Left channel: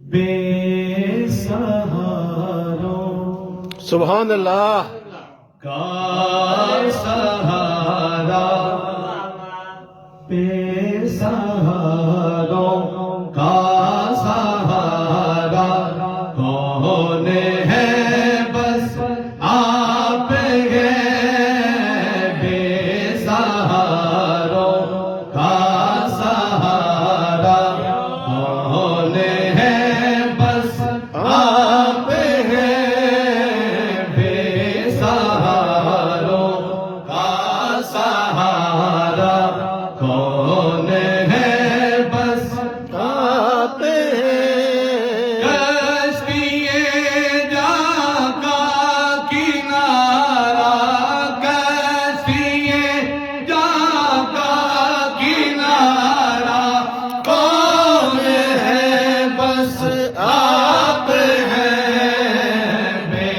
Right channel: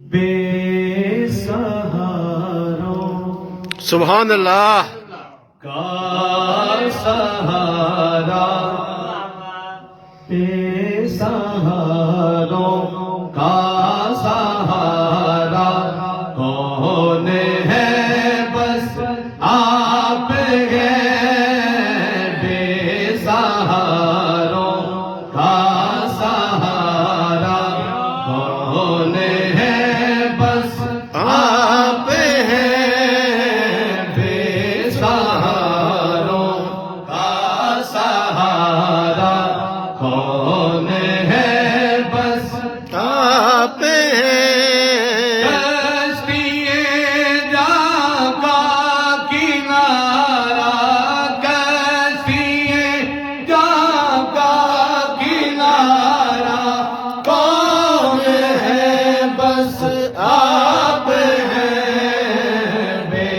بے سہاروں سبحان اللہ کا سہارا، بے سہاروں کا سہارا کون ہے؟ بس آپ ہیں بے سہاروں کا سہارا کون ہے؟ بس آپ ہیں بے سہاروں کا سہارا کون ہے؟ بس آپ ہیں کشتیے جاں کا کنارہ، کشتیے جاں کا کنارہ کون ہے؟ بس آپ ہیں بے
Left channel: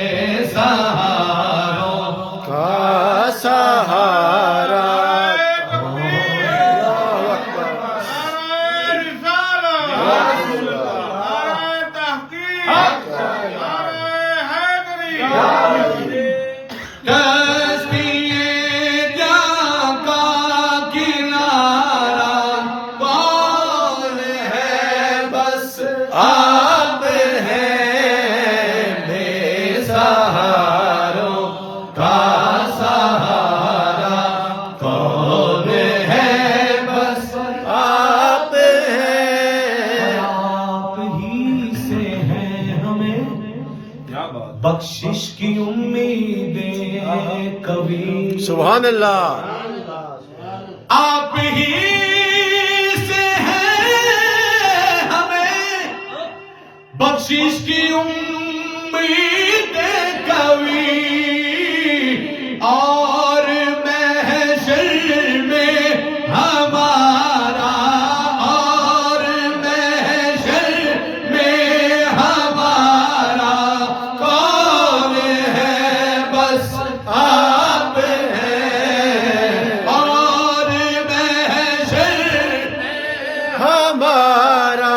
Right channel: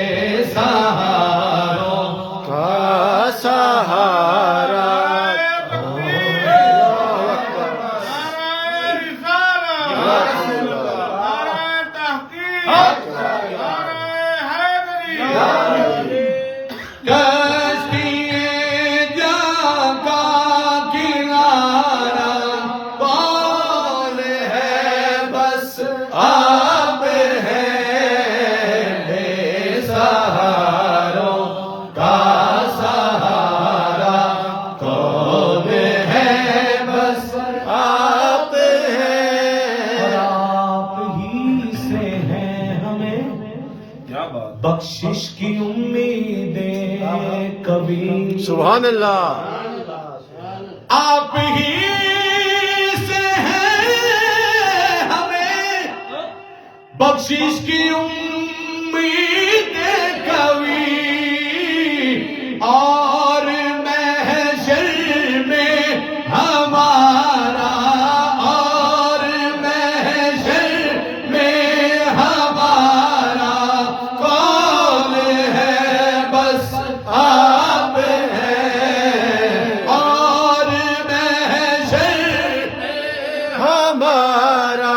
سہاروں کا سہارا اللہ اکبر کشتیے جاں کا کنارہ کون ہے؟ بس آپ ہیں بے سہاروں کا سہارا کون ہے؟ بس آپ ہیں آپ ہی سے ہیں ہمیں بخشش کی امیدیں کبھی، سبحان اللہ آپ ہی سے ہیں ہمیں بخشش کی امیدیں کبھی، اور محشر میں ہمارا، اور محشر میں ہمارا کون ہے؟ بس آپ ہیں، اور محشر میں ہمارا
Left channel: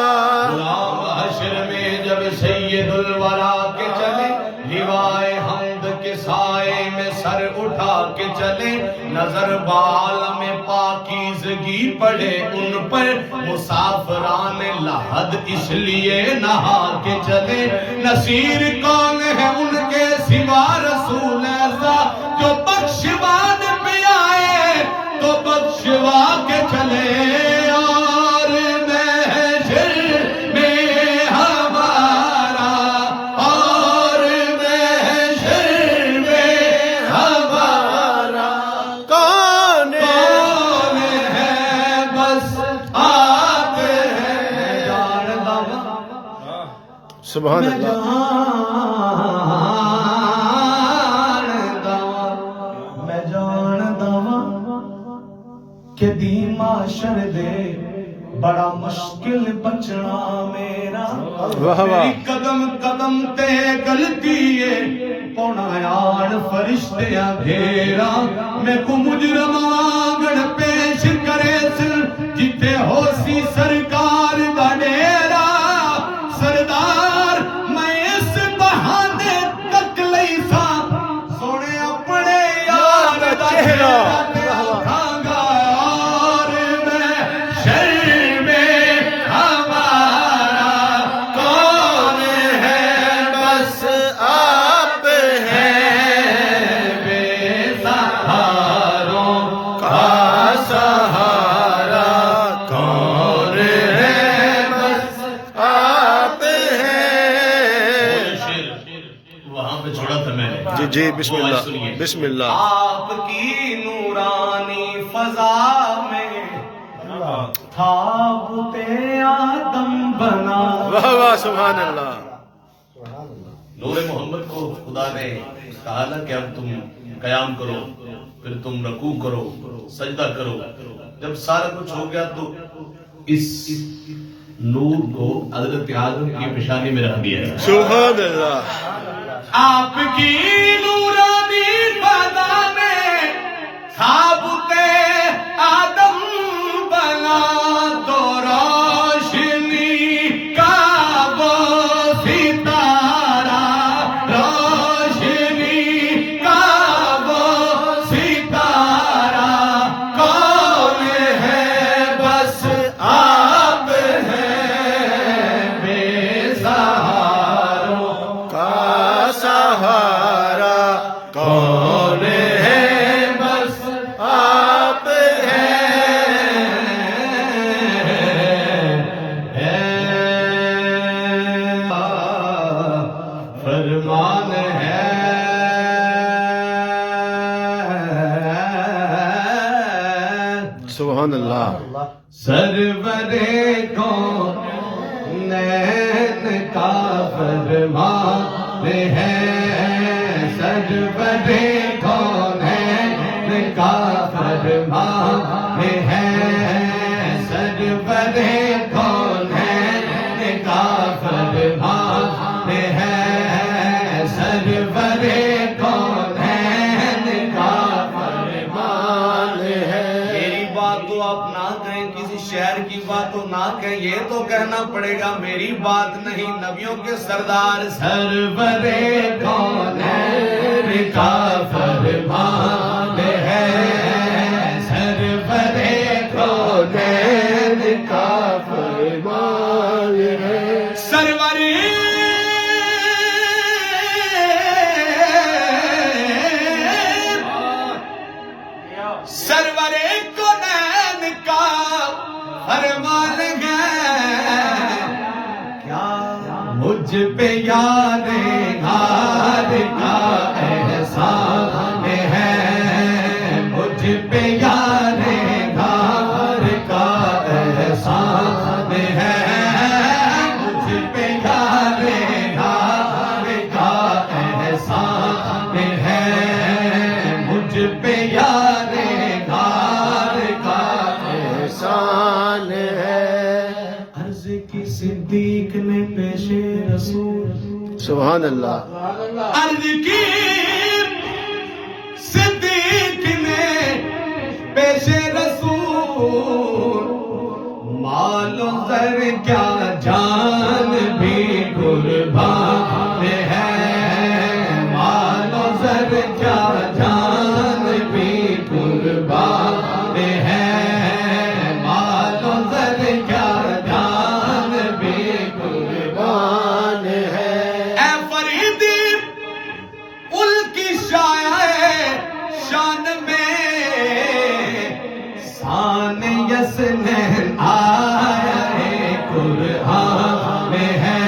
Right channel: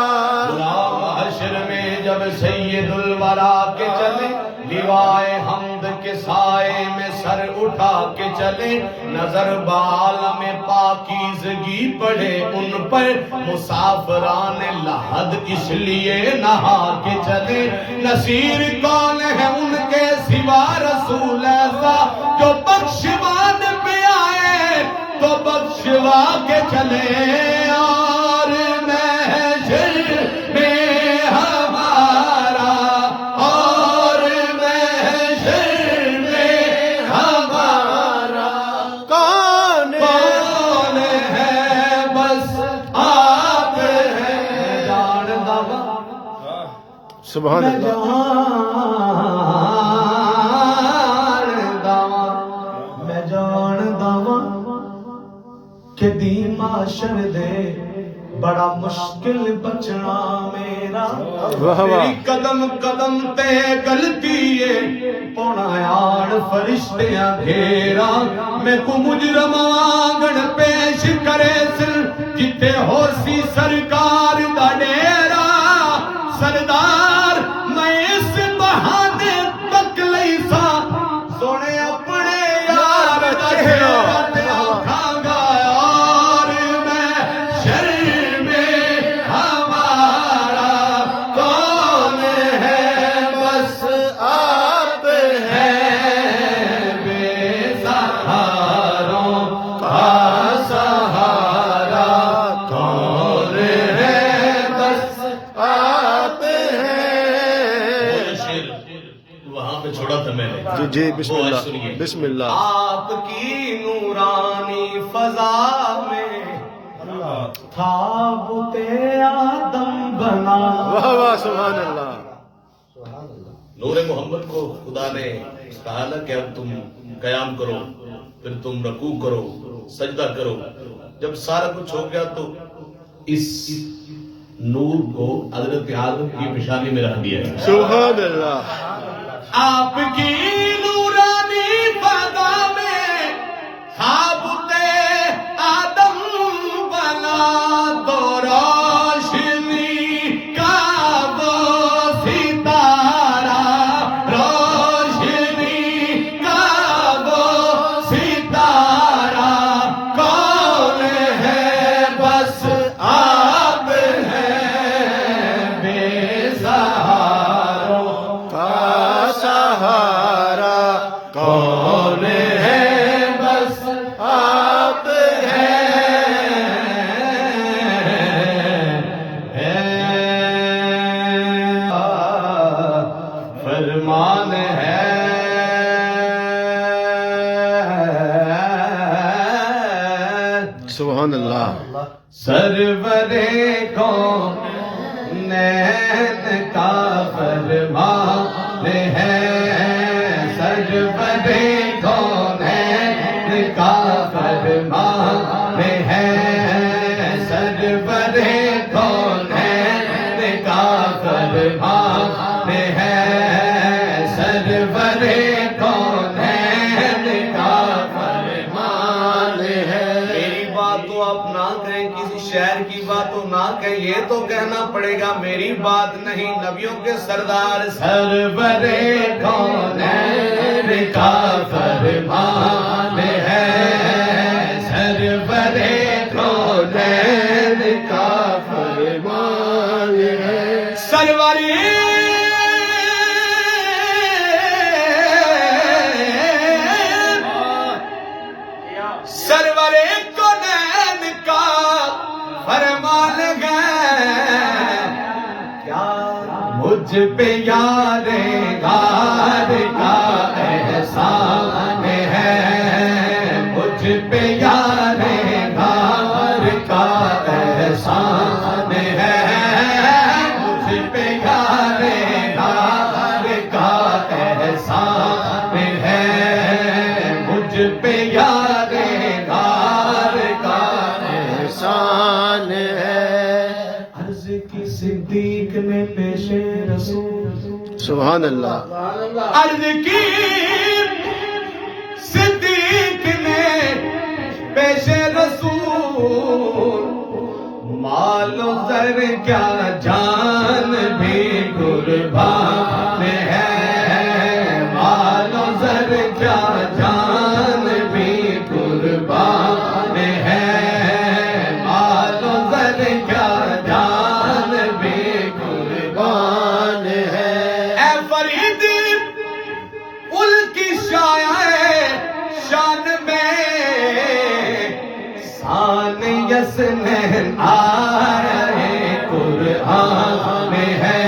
غلام حشر میں جب سید الورا کے چلے، لیوائے حمد کے سائے میں سر اٹھا کے چلے، نظر بعالم پاکیزگی پڑے ان پر، مسافران لحد اس لیے نہا کے چلے، نصیر کون ہے ان کے سوا رسول ایسا جو بخشوان پہ آئے تو بخشوا کے چلے، اور محشر میں ہمارا، اور محشر میں ہمارا کون کون ہے؟ بس آپ ہیں جان دوا سبحان اللہ میں جان دوا کہ دی معاشر دے بڑا مشکل بچنا میرا، واہ واہ میری قدم قدم تے گلتی ہے پونا آن فرشتیاں گھیرا، میں کو مجرم آنگن پیش کرے سل جتے ہو سی سرکار دا ڈیرا، سردار میں اس بہانے تک لئی سا سونے اپنے یار دا چہرہ دیکھاں گا، اور محشر میں ہمارا کون ہے؟ بس آپ ہیں بے سہاروں کا سہارا کون ہے؟ بس آپ ہیں وہاں پہ چھوڑا تھا میں نے، جی جی بسم وہ اللہ سنیے۔ بسم اللہ آپ کی نورانی فضا میں تابوت آدم بنا، واہ واہ سبحان اللہ نور محمد کو خدا نے کہا نا کہ اب تم قیام کرو، پھر تم رکوع کرو، سجدہ کرو، جب سارا کچھ ہو گیا تو اس نور کو حضرت آدم کی پیشانی میں رکھ دیا ہے۔ سبحان اللہ آپ کی نورانی فضا میں تابوت آدم بنا، تو روشنی کا وہ سبحان اللہ سرورے کونین کا فرمان ہے سرورے کونین کا فرمان ہے سرورے کونین کا فرمان ہے سرورے کونین کا فرمان ہے میری بات تو آپ نہ کہیں کسی شہر کی بات تو نہ کہیں یہ تو کہنا پڑے گا میری بات نہیں نبیوں کے سردار سرورے کونین کا فرمان ہے سرورے کونین کا فرمان ہے سروری سرورے کونین کا فرمان ہے کیا مجھ پہ یار غار کا احسان ہے مجھ پہ یار غار کا احسان ہے مجھ پہ یار غار کا احسان ہے مجھ پہ یار غار کا احسان ہے عرض کی صدیق نے پیش رسول سبحان اللہ عرض کی صدیق نے پیش رسول مال و زر کیا جان بھی قربان ہے مال و زر کیا جان بھی قربان ہے مال و زر کیا جان بھی قربان ہے اے فریدی ال کی شاعر شان میں شان یسنین آیا ہے قرآن ہے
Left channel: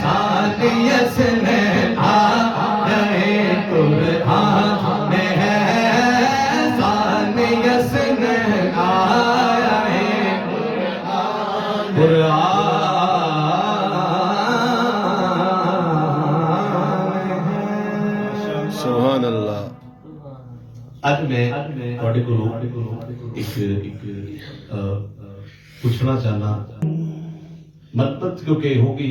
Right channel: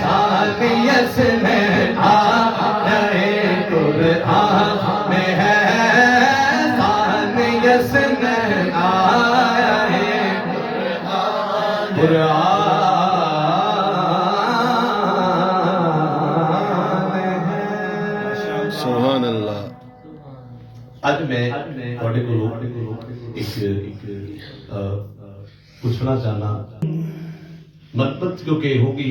شان یسنین آیا ہے قرآن ہے شان یسنین آیا ہے سبحان اللہ ਅੱਜ ਮੈਂ ਤੁਹਾਡੇ ਕੋਲੋਂ ਇੱਕ ਪੁੱਛਣਾ ਚਾਹਨਾ ਮਤਲਬ ਕਿਉਂਕਿ ਹੋਗੀ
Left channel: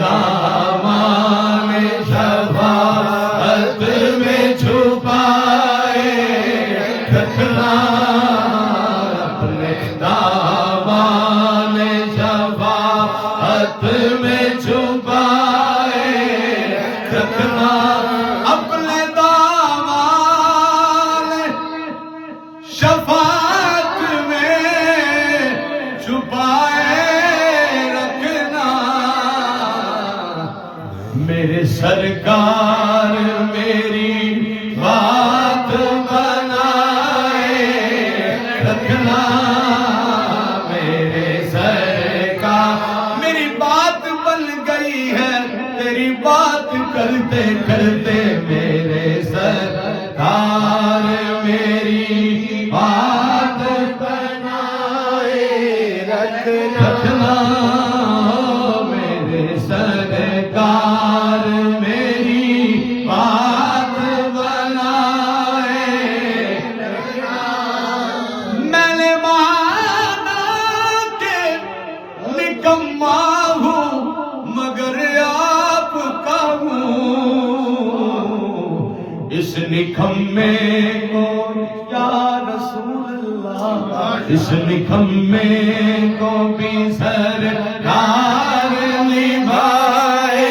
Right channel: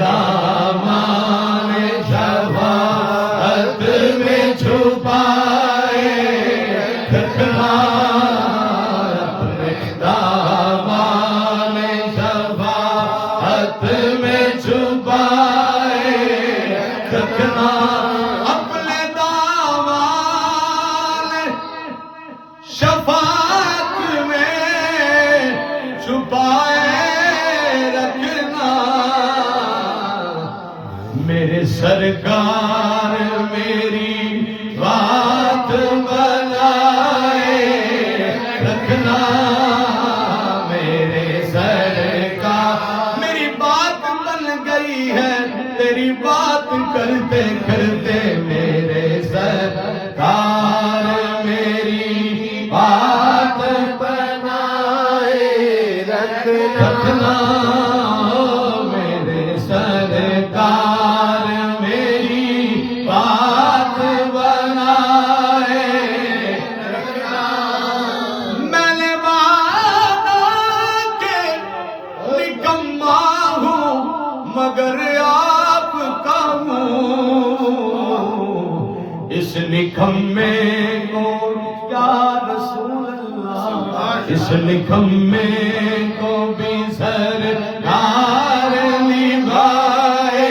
دامان شفاعت میں چھپائے رکھنا، اپنے دامان شفاعت میں چھپائے رکھنا، اپنے دامان شفاعت میں چھپائے رکھنا، میرے سرکار میری بات بنائے رکھنا، میرے سرکار میری بات بن گئی ہے، تیری بات کرتے کرتے میرے سرکار میری بات بنائے رکھنا، میرے سرکار میری بات بنائے رکھنا، میں نے مانا کہ نکما ہوں مگر آپ کا ہوں، اس نکمے کو یا رسول اللہ، اس نکمے کو بھی سرکار نبھائے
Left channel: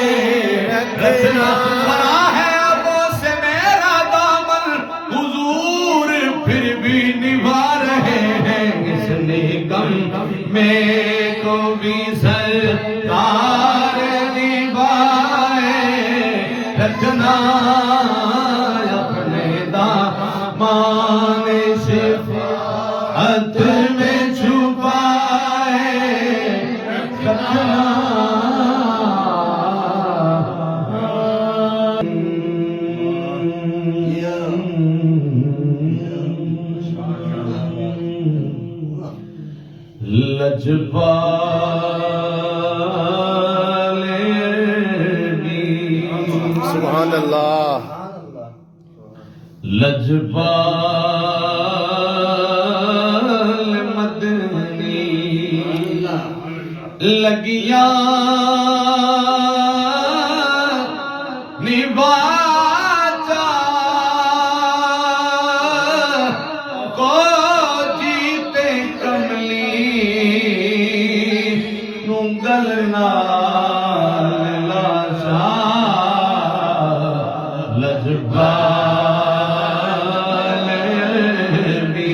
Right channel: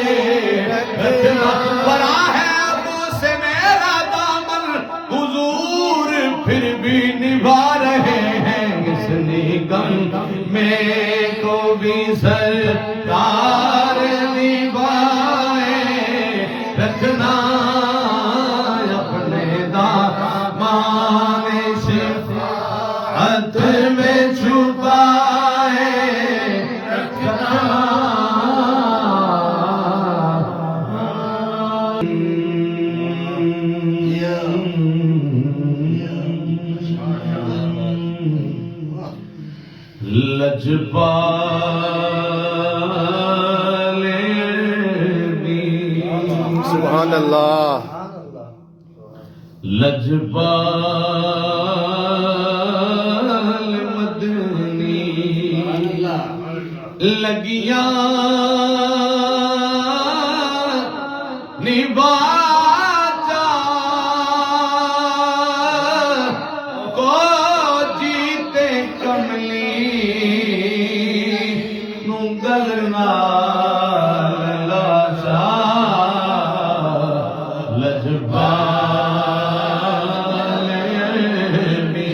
رکھنا، بڑا ہے وہ سے میرا دامن حضور پھر بھی نبھا رہے ہیں، اس نکمے کو بھی سرکار نبھائے رکھنا، اپنے دامان شفاعت میں چھپائے رکھنا، لجپال بھی سبحان اللہ، لجپال مدنی لگیا نباچا کو جیتے کملی نگلنا لاشا، لجپال بھی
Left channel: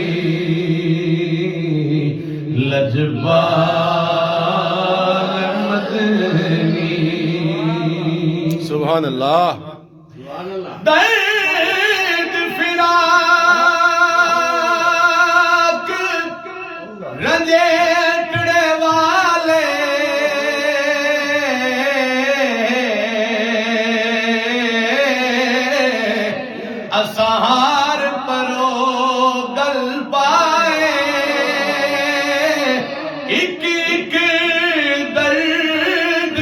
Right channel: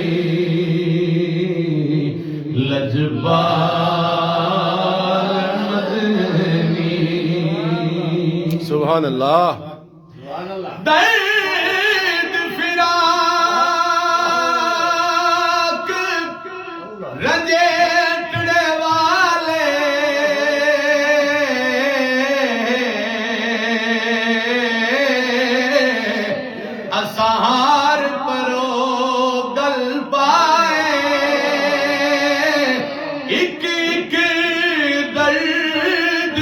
لجپال مدنی، سبحان اللہ، درد فراق رنجیٹڑے والے اسہار پرو گل پائے، ایک ایک درد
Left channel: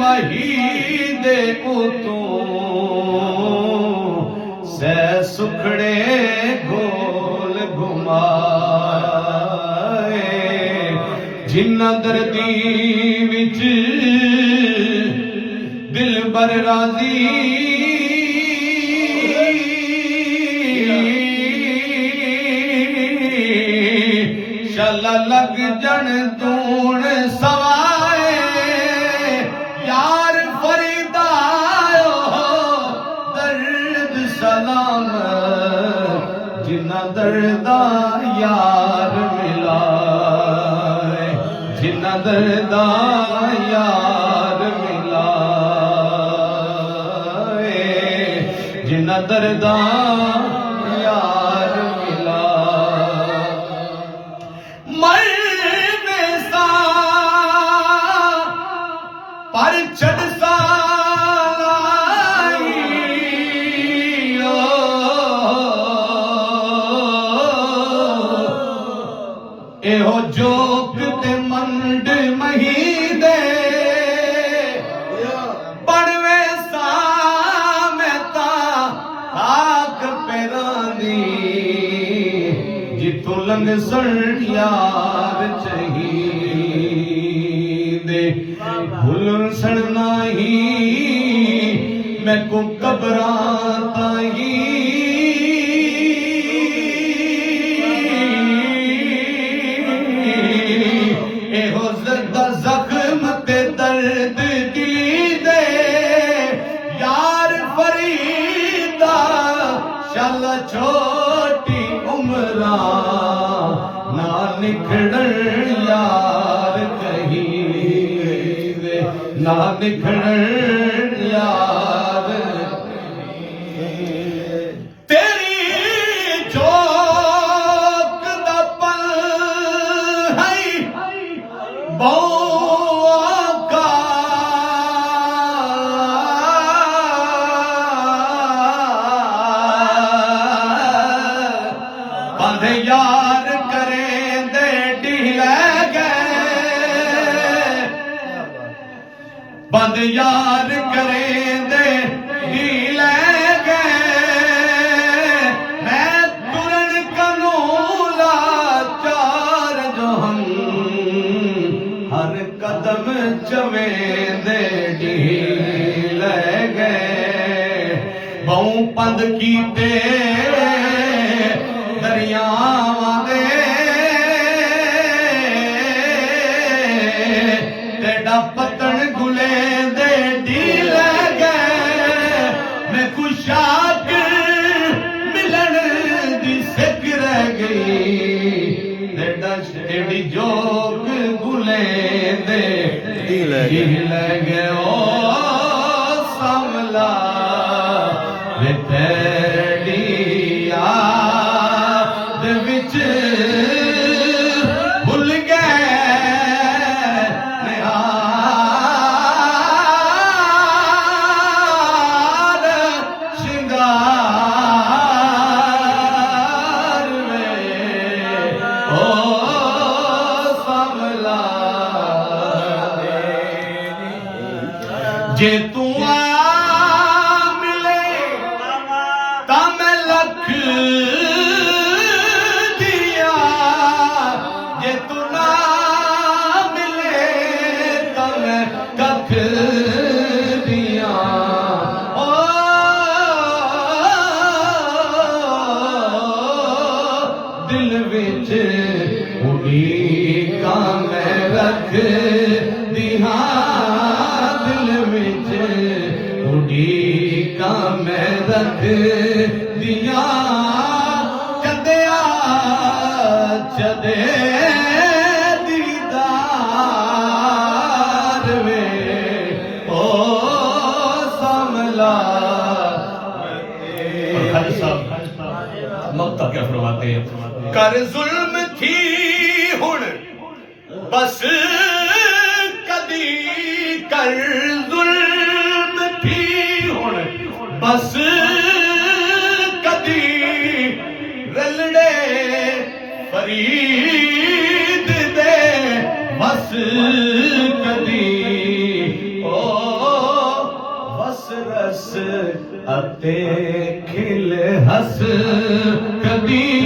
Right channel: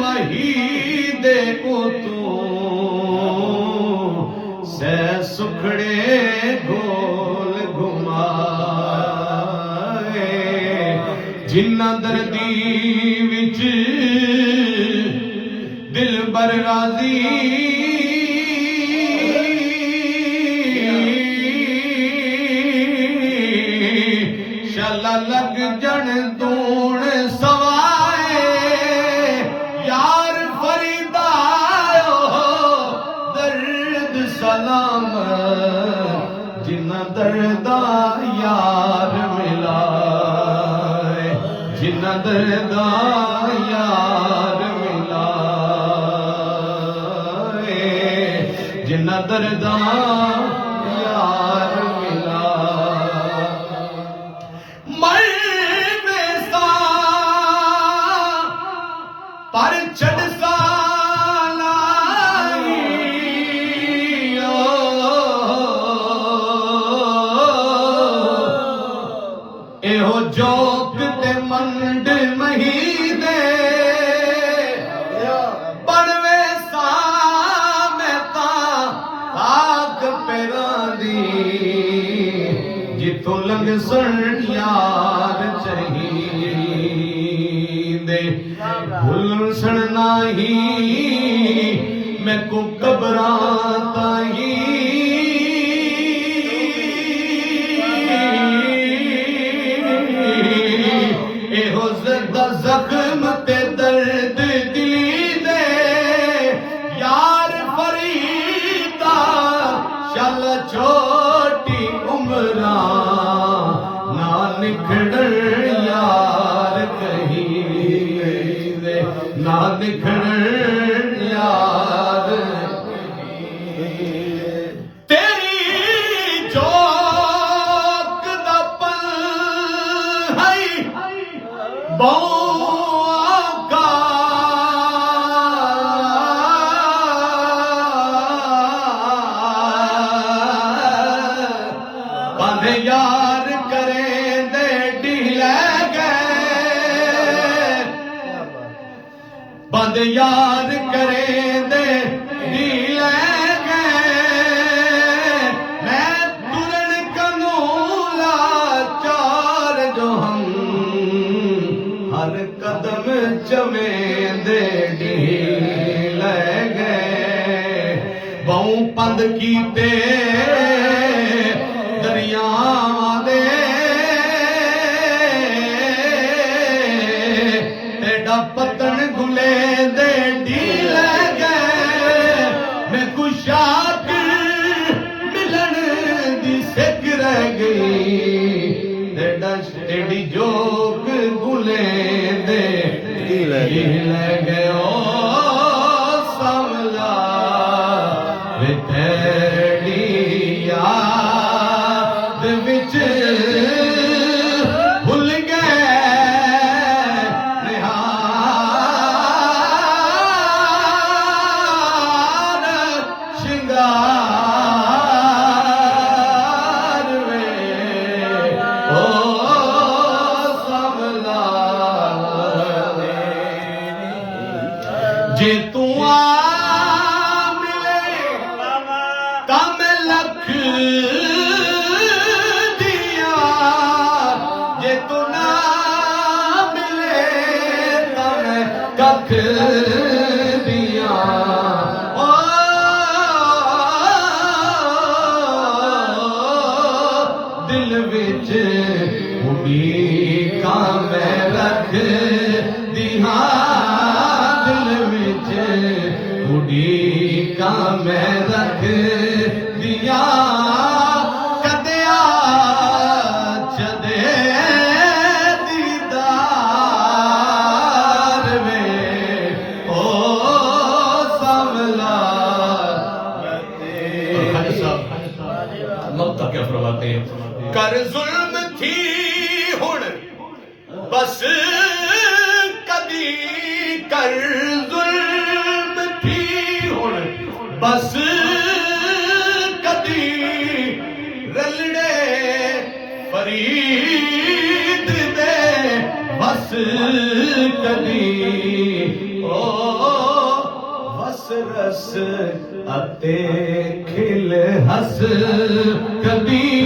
مہیدے کو تو سے سکھڑے گول گھمائے، جنہ دردی وچ دل بر راضی شلا لگ جن دون سوائے، یار فریدا درد سلام، جنہ دردا یار ملا، جنہ دردا یار ملا، جنہ دردا یار ملا، مرنے سا پر چڑھ سا لائی، ایہو جوک تے منڈ مہیدے بڑوے سا میں تا خاک پیران دی، جتوں لنگ سن یار چاہیے، بھولن سن نہ تاہی میں کو قبراں تاہی ایہو زخم تے درد دلی دے یار فریدا شال چھوٹی عمراں نہ نکھڑن یار کہیں دے نہ نکھڑن یار تیری جوک دا پل ہے بوکا باندھے یار کریں دے ڈھیلے گئے باندھے یار کریں دے ڈھیلے گئے میں ترن کنولا چار جو ہم ہر قدم چویں دے ڈھیلے گئے بہوں پند کیتے دریاواں دے تیڈا پتن گلے دے ڈھیلے گئے میں کشاک ملن دی سکھ رہ گئی تیڈی جوک گلے دے ڈھیلے گئے او ساملا وے تیری یاد وچ بھل گئے نہار شنگار میں او ساملا جے تو آ ملے تا میں لکھ دیا جے تو نہ ملے تا میں ککھ دیا او دل وچ اڑیکاں میں رکھ دیاں دل وچ اڑیکاں میں رکھ دیاں کدیا چدے دیدار وے او ساملا مقطع کیا فرماتے ہیں کر ظلم تھی ہن بس کدی کر ظلم تھی ہن بس کدی رلڑے فرید دے بس کدی او بس رس اتے کھل ہس کدی